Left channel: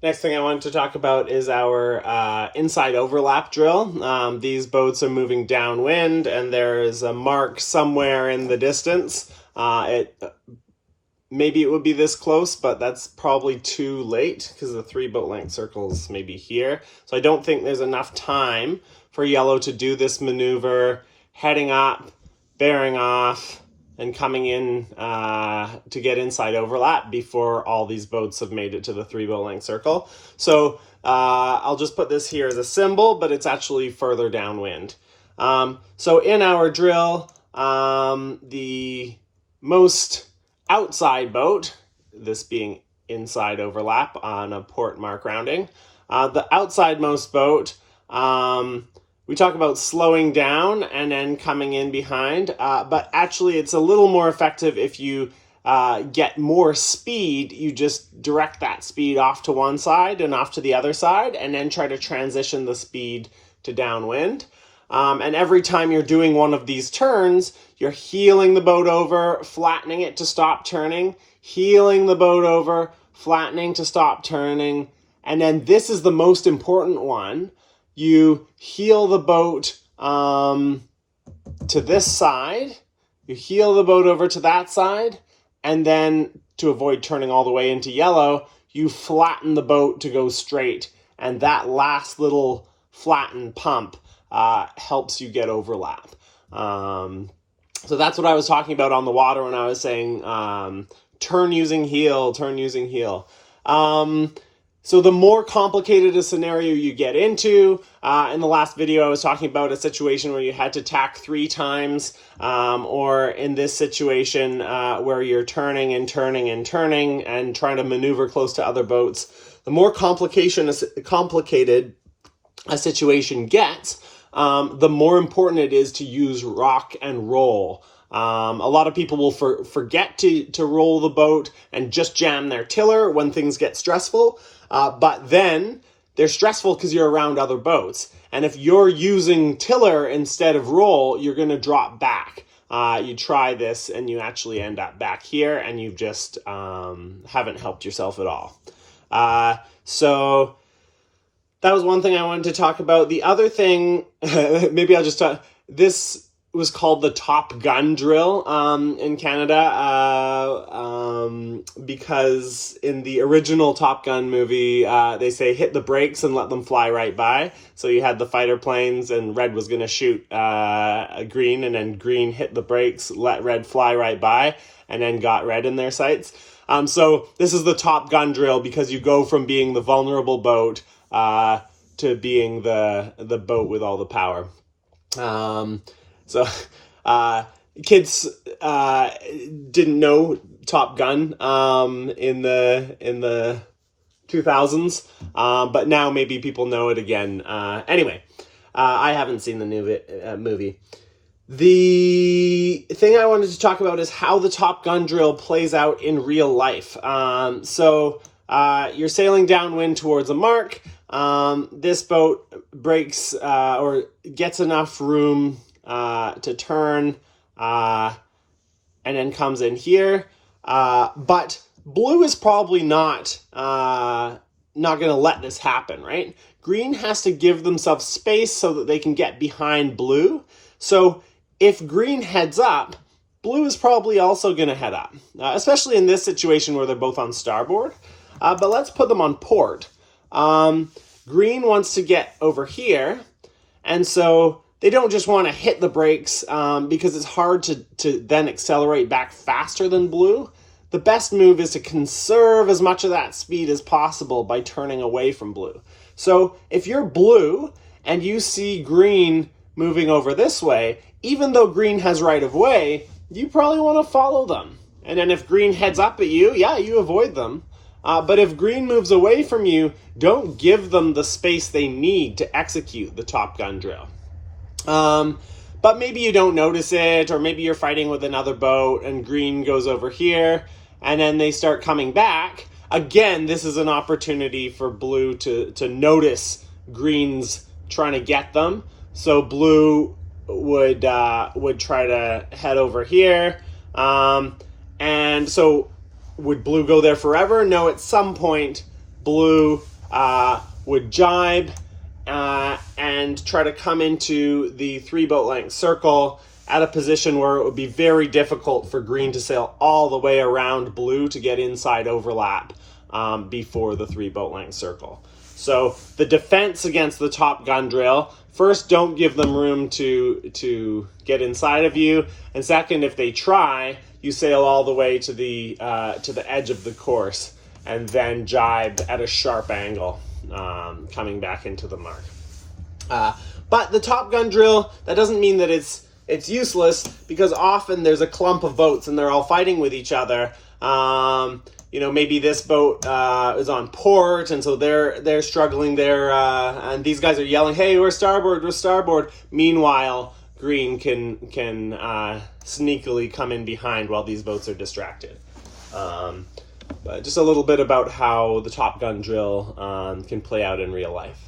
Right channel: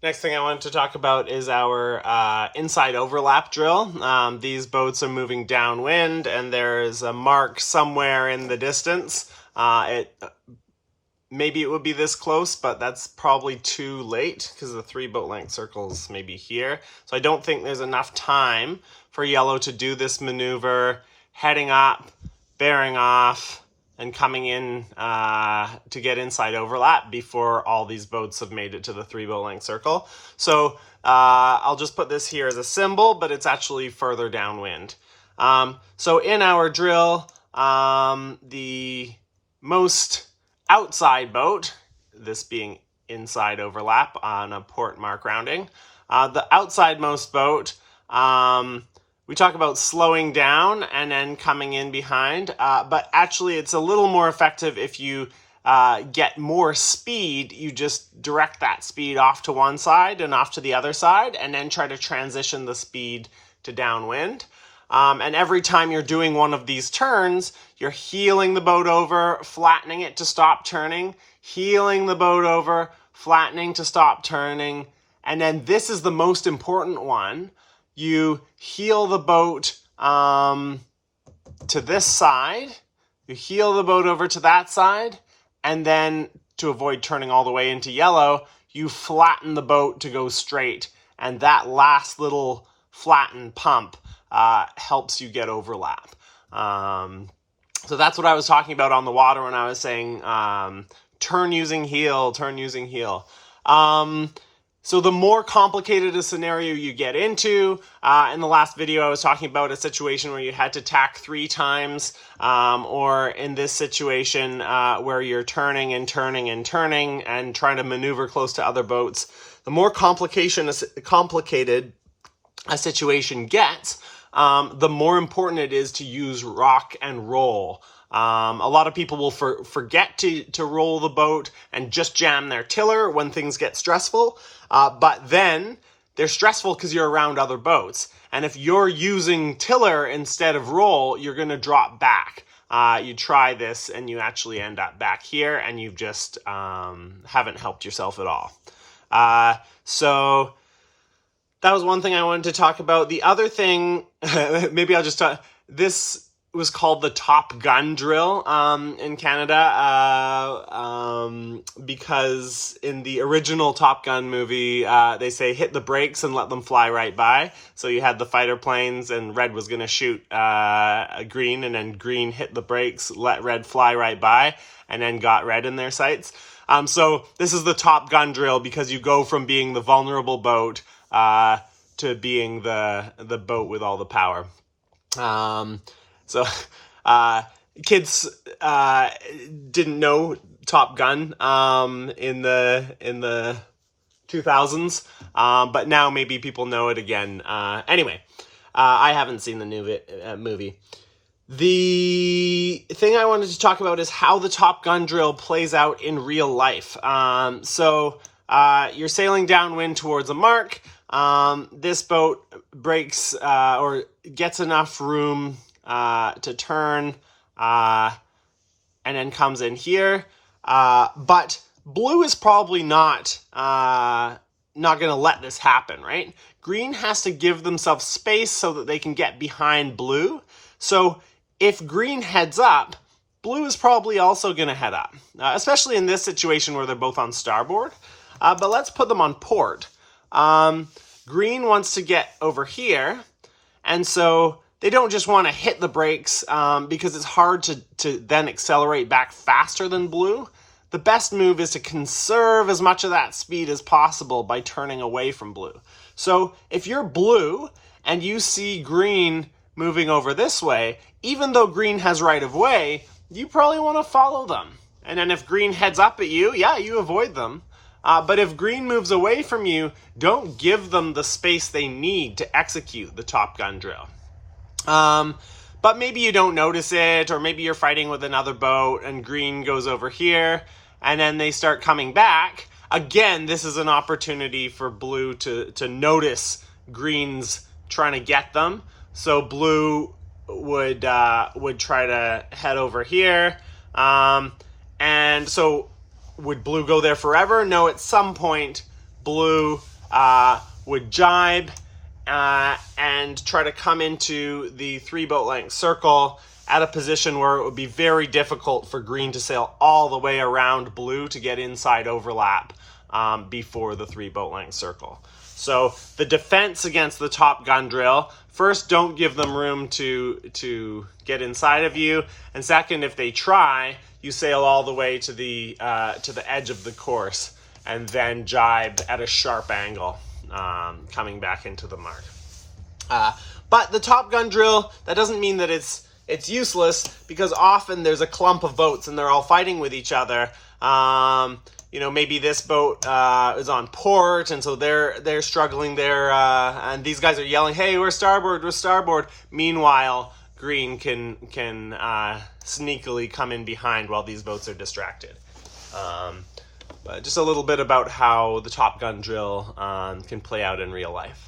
Next thing I wanted to talk about is our inside overlap drill. These boats are moving downwind, and there's a mark somewhere in the distance. Maybe it would be this close, but that's probably too late because the 3 boat length circles maybe here. So I don't think there's enough time for yellow to do this maneuver, heading up, bearing off, and coming in to get inside overlap before all these boats have made it to the 3 boat length circle. So I'll just put this here as a symbol, but it's actually further downwind. So in our drill, the most outside boat, this being inside overlap on a port mark rounding, the outside most boat, we talk about slowing down and then coming in behind, but actually it's a little more effective if you get more speed. You just direct that speed off to one side and off to the other side, and then try to transition the speed to downwind. And every time you're doing one of these turns, you're heeling the boat over, flattening it to stop turning, heeling the boat over, flattening to stop turning. And then this is the most important one. You heel the boat to this side, you heel the boat over to that side, and then to avoid turning all the way into yellow, you flatten the boat to go straight. And that last little flatten pump helps you get overlap. So that's what I was talking about on the water when I was saying turn using heel, turn using heel. So the more complicated a scenario you get into, in the last video I was talking about a situation where you had to tack 3 times, or in this situation where you're turning and turning and turning and trying to maneuver close to other boats. The more complicated a situation gets, the more important it is to use rock and roll. A lot of people will forget to roll the boat and just jam their tiller when things get stressful, but then they're stressful because you're around other boats. And if you're using tiller instead of roll, you're going to drop back. You try this and you actually end up back here, and you've just haven't helped yourself at all. So that was one thing I wanted to talk about. The other thing, maybe I'll just talk, this was called the Top Gun drill in Canada, because in the original Top Gun movie, they say hit the brakes and let them fly right by. So you had the fighter planes, and Red was going to shoot Green, and then Green hit the brakes, let Red fly right by, and then got Red in their sights. So this is the Top Gun drill because you go from being the vulnerable boat to being the boat with all the power. So kids didn't know Top Gun in the 2000s, but now maybe people know it again. Anyway, I haven't seen the new movie. The thing I wanted to talk about is how the Top Gun drill plays out in real life. So you're sailing downwind towards a mark. This boat breaks or gets enough room to turn and then comes in here. But blue is probably not going to let this happen, right? Green has to give themselves space so that they can get behind blue. So if green heads up, blue is probably also going to head up, especially in this situation where they're both on starboard. But let's put them on port. Green wants to get over here, and so they don't just want to hit the brakes because it's hard to then accelerate back faster than blue. The best move is to conserve as much of that speed as possible by turning away from blue. So if you're blue and you see green moving over this way, even though green has right of way, you probably want to follow them. And then if green heads up at you, yeah, you avoid them. But if green moves away from you, don't give them the space they need to execute the Top Gun drill. But maybe you don't notice it, or maybe you're fighting with another boat and green goes over here and then they start coming back. Again, this is an opportunity for blue to notice green's trying to get them. So blue would try to head over here. And so would blue go there forever? No, at some point blue would jibe and try to come into the 3 boat length circle at a position where it would be very difficult for green to sail all the way around blue to get inside overlap before the 3 boat length circle. So the defense against the top gun drill, first, don't give them room to get inside of you, and second, if they try, you sail all the way to the edge of the course and then jibe at a sharp angle, coming back into the mark. But the top gun drill, that doesn't mean that it's useless, because often there's a clump of boats and they're all fighting with each other. You know, maybe this boat is on port, and so they're struggling there, and these guys are yelling, "Hey, we're starboard, we're starboard." Meanwhile, green can sneakily come in behind while these boats are distracted. But just a little bit about how the top gun drill can play out in real life.